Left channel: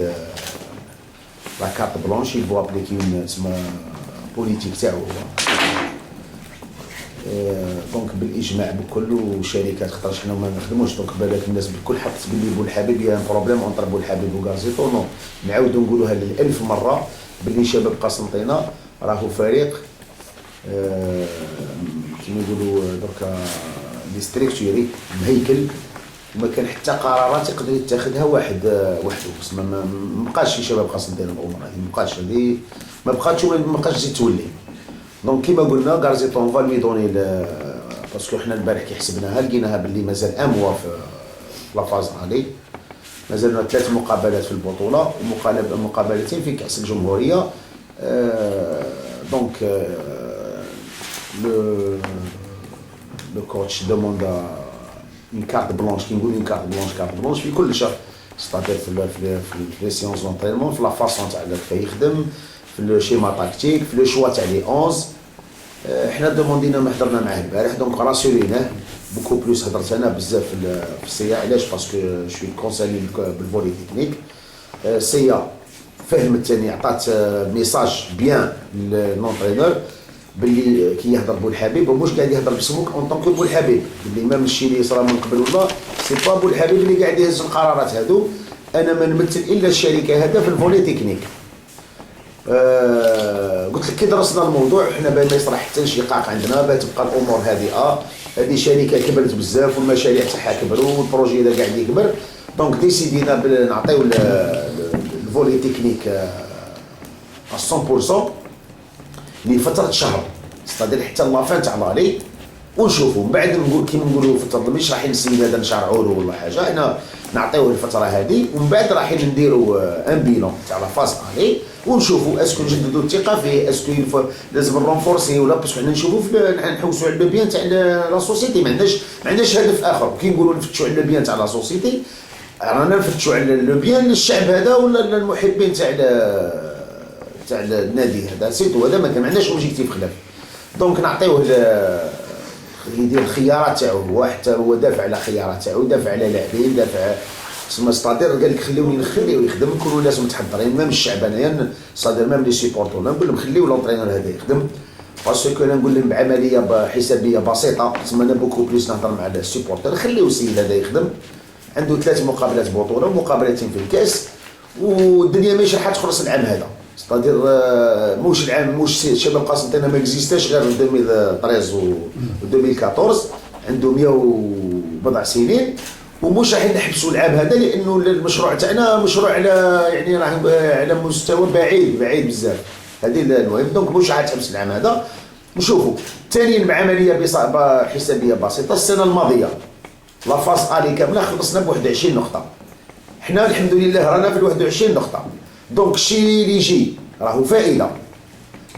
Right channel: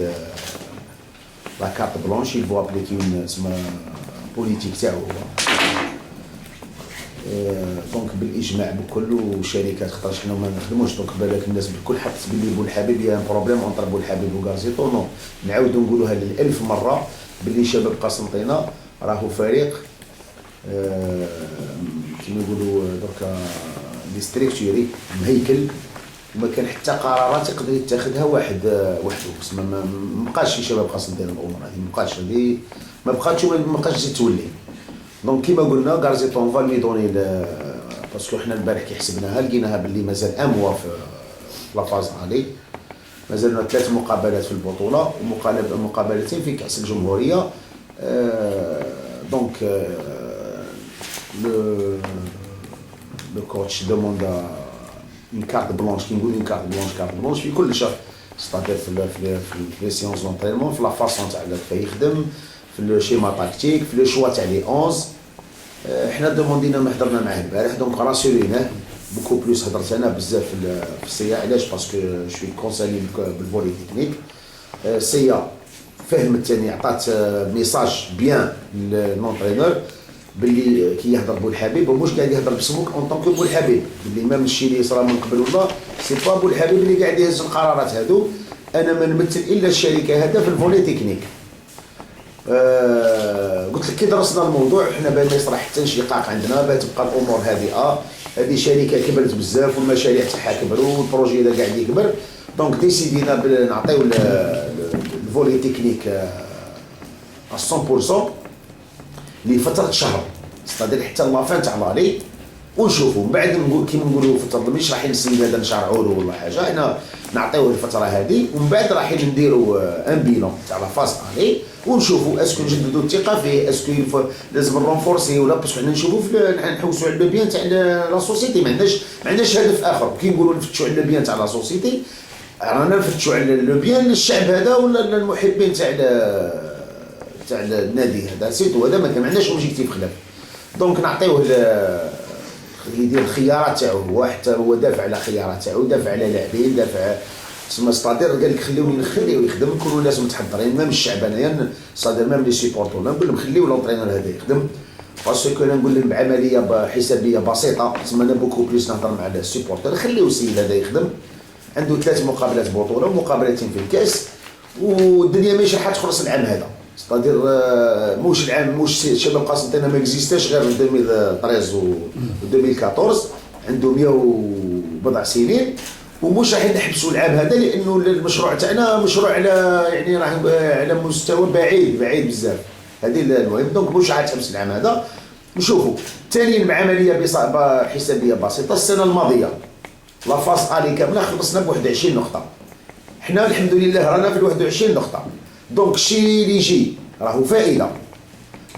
لا كارت بلونش يبغوا ابليكي تسمى بوليتيك تاعو هو. دونك بالاجماع بكل وشركات خاطرش حنا ما نخدموش. دونك بالك الناس بالكل حطت باللي بولحبيب يا بروبليم اونتر بولحبيب وغازيطو. نو نعاودو نقولوها للألف مره باللي شباب قسنطينه راهو فريق كيما يقولوا دركا ديستريكتوري مهيكل، وما كان حتى قرارات يقدر يتخذها واحد وحده. بس ما بقاش شي شباب قسنطينه الامور هذه ما بقاش، هذه ما بقاتش وما بقاش تزيد تولي. دونك كيما قلنا غارزيطو اون فالي دوني باسكو حنا البارح كي حسبناها لقيناها باللي مازال اموا في لافاز الي، مازالنا 3 مقابلات في البطوله ومقابلتين في كاس الجمهوريه. دونك لو كوتش دوموندا une carte blanche كي نقول une carte blanche في كل شهر، ستادير في لي سيونس دونطرينمون، في لا فاسون تاع كيف يخدم، في لو شيما تاكتيك، في لو شوا تاع لي 11. حنا دوموندينا ما حضرنا معاه البارح، دونك راسوريناه بوكو بلوس. هضرت انا بزاف في السيا، علاش؟ باسكو شوي كونسالي بالفولي تكنيك. السيا فهم الثاني، عطات ميساج بيان للونطرينور باللي كي يهضر بولحبيب ومش قاعد يهضر بسموك اون طونكو بولحبيب، باللي ميم الشيء اللي صرا من قبل ولا سي با بولحبيب اللي قاعد يهز القرارات هادو. انا ما نمثل الا الشركه هذا في الفولي تكنيك. قلت لك كي درسنا الموضوع حنا بان ما يصرا حتى انشقاق عندنا، باه تبقى الامور هادئه. هذه شركه كبرت بزاف والمشاريع تاعها كبروا والبروجي هذا قاعد يكبر. دونك ديسيدينا نعطيو الفولي تكنيك 100% لفتره شهر، ستادير حتى لافان تاع لالي، ونشوفوا من بعد نقول كيما نقولوا في التنظيم مش رايحين السيد هذا نشرعوا له ولا حاجه، حنا نعطيوه الفتره هذه ومن بعد رايحين نديروا ان بيلون تاع لا فاز الي ونشوفوا اسكو نجددوا الثقه فيه، اسكو لازم نرونفورسي ولا. باسكو حنا نشوفوا نحوسوا على لو بيان تاع لا سوسيتي، ما عندناش هدف اخر. كي نقولوا نفتشوا على لو بيان تاع لا سوسيتي رانا نفتشوا على لو بيان للشعب هذا ولا المحبين تاع النادي هذا سيتو. هذا ما عندناش اوبجيكتيف خلاف. دونك نعطيوه يدير الخيارات تاعو، هو حتى هو دافع على خيارات تاعو، دافع على لاعبين، دافع تسمى ستادير قال لك خليوني نخليو يخدم، نكونوا ناس متحضرين. ميم الشعب انايا ستادير ميم لي سيبورتور نقول لهم خليو لونطرينور هذا يخدم، باسكو انا نقول لهم بعمليه حسابيه بسيطه. تسمى انا بوكو بليس نهضر مع السيبورتور، خليو السيد هذا يخدم، عنده 3 مقابلات بطوله ومقابلتين في الكاس، والدنيا ماشي راح تخلص العام هذا. ستادير موش العام موش شباب قسنطينه ما اكزيستاش غير 2013 و 2014، عنده 100 وبضع سنين، ومش راح نحبسوا العام هذا لانه المشروع تاعنا مشروع على يعني راه على مستوى بعيد بزاف. هذه المهم. دونك مش راح تحبس العام هذا. نشوفوا ثانيا بعمليه حسابيه بسيطه. السنه الماضيه لا فاس الي كامله خلصنا ب 21 نقطه، حنا الحمد لله رانا في 21 نقطه. دونك الشيء اللي يجي راهو فائده،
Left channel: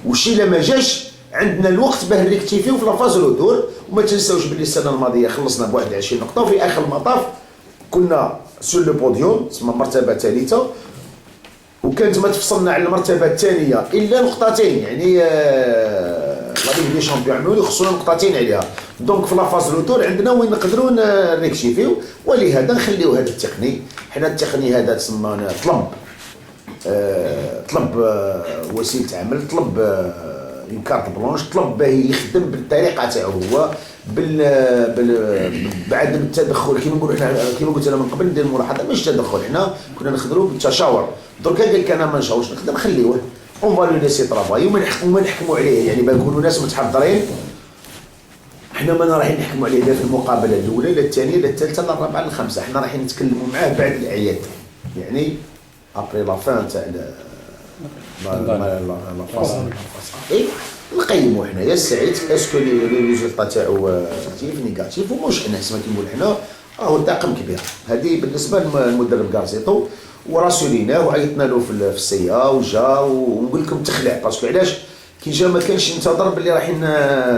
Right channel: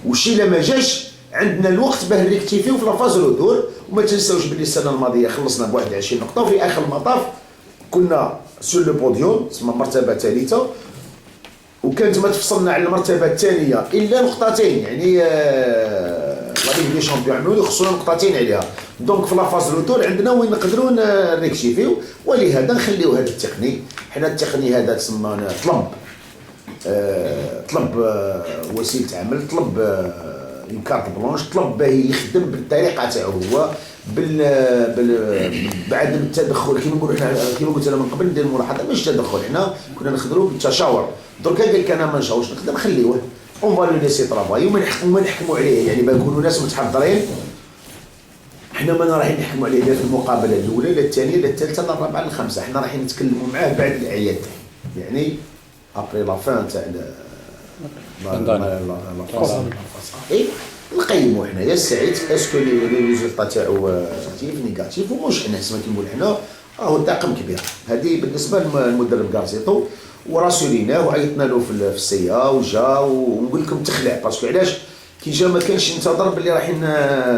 والشيء اللي ما جاش عندنا الوقت باه نريكتيفيو في لافاز رودور. وما تنساوش باللي السنه الماضيه خلصنا ب 21 نقطه وفي اخر المطاف كنا سور لو بوديوم، تسمى مرتبه ثالثه، وكانت ما تفصلنا على المرتبه الثانيه الا نقطتين. يعني لا ليغ دي شامبيون عملوا يخصونا نقطتين عليها. دونك في لافاز رودور عندنا وين نقدروا نريكتيفيو، ولهذا نخليو هذا التقني. حنا التقني هذا تسمى طلب وسيله عمل، طلب اون كارت بلونش، طلب باه يخدم بالطريقه تاعو هو بعد التدخل. كيما نقولوا حنا كيما قلت انا من قبل ندير ملاحظه مش تدخل، حنا كنا نخدموا بالتشاور. دركا قال لك انا ما نشاورش نخدم، خليوه اون فالو ليسي طرافاي وما نحكموا عليه. يعني بنكونوا ناس متحضرين، حنا ما رايحين نحكموا عليه لا في المقابله الاولى لا الثانيه لا الثالثه لا الرابعه لا الخامسه. حنا رايحين نتكلموا معاه بعد الاعياد، يعني ابري لا فان تاع لا فاصل نقيموا حنايا السعيد اسكو لي ريزولطا تاعو بوزيتيف نيجاتيف. ومش حنا كما كنقول حنا راهو طاقم كبير. هذه بالنسبه للمدرب غارزيطو، وراسوليناه وعيطنا له في السيا وجا. ونقول لكم تخلع باسكو علاش كي جا ما كانش ينتظر باللي رايحين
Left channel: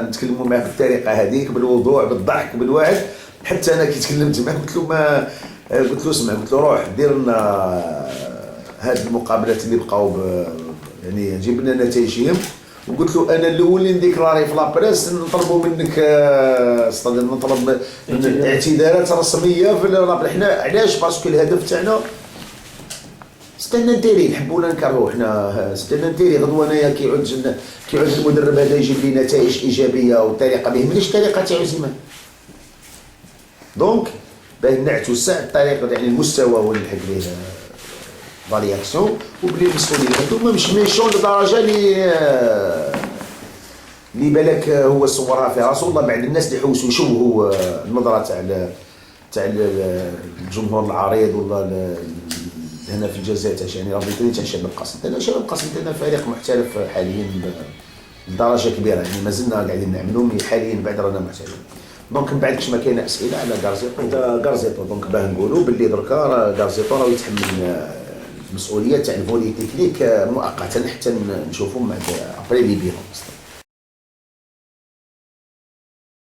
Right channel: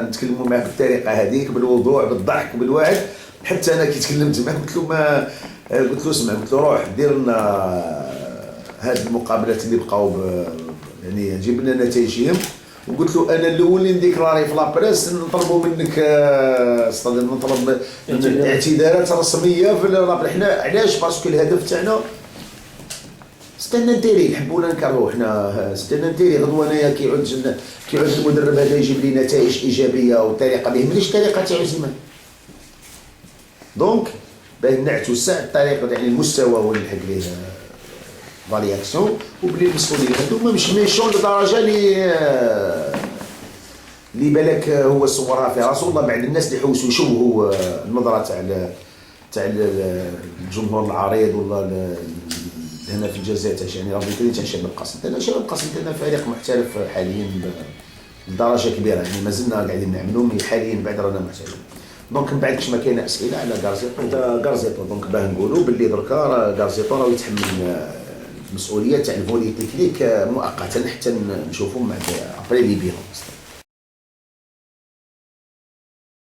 نتكلموا معاه بالطريقه هذيك بالوضوح بالضحك بالوعد. حتى انا كي تكلمت معاه قلت له اسمع، قلت له روح دير لنا هاد المقابلات اللي بقاو يعني جيب لنا نتائجهم. وقلت له انا الاول اللي نديكلاري في لابريس نطلبوا منك نطلب اعتذارات رسميه في حنا. علاش؟ باسكو الهدف تاعنا ستان انتيري نحبوا ولا نكرهوا حنا ستان انتيري غدوه انايا كيعود المدرب هذا يجيب لي نتائج ايجابيه وطريقه ما يهمنيش الطريقه تاعو زيمان. دونك باه نعتوسع الطريقه يعني المستوى ونلحق ليه فالياكسيون وبلي المسؤولين هذوما مش ميشون لدرجه اللي بالك هو صورها في راسو والله بعد الناس اللي يحوسوا يشوهوا النظره تاع الجمهور العريض ولا هنا في الجزائر تاع يعني رابطين تاع شباب القاسم. انا شباب القاسم تاعنا فريق محترف حاليا بدرجه كبيره يعني مازلنا قاعدين نعملوا حاليا بعد رانا محترفين. دونك من بعد كاش ما كاين اسئله على غارزيتو دونك باه نقولوا باللي دركا راه غارزيتو راه يتحمل المسؤوليه تاع الفولي تكنيك مؤقتا حتى نشوفوا مع ابري لي بيرون.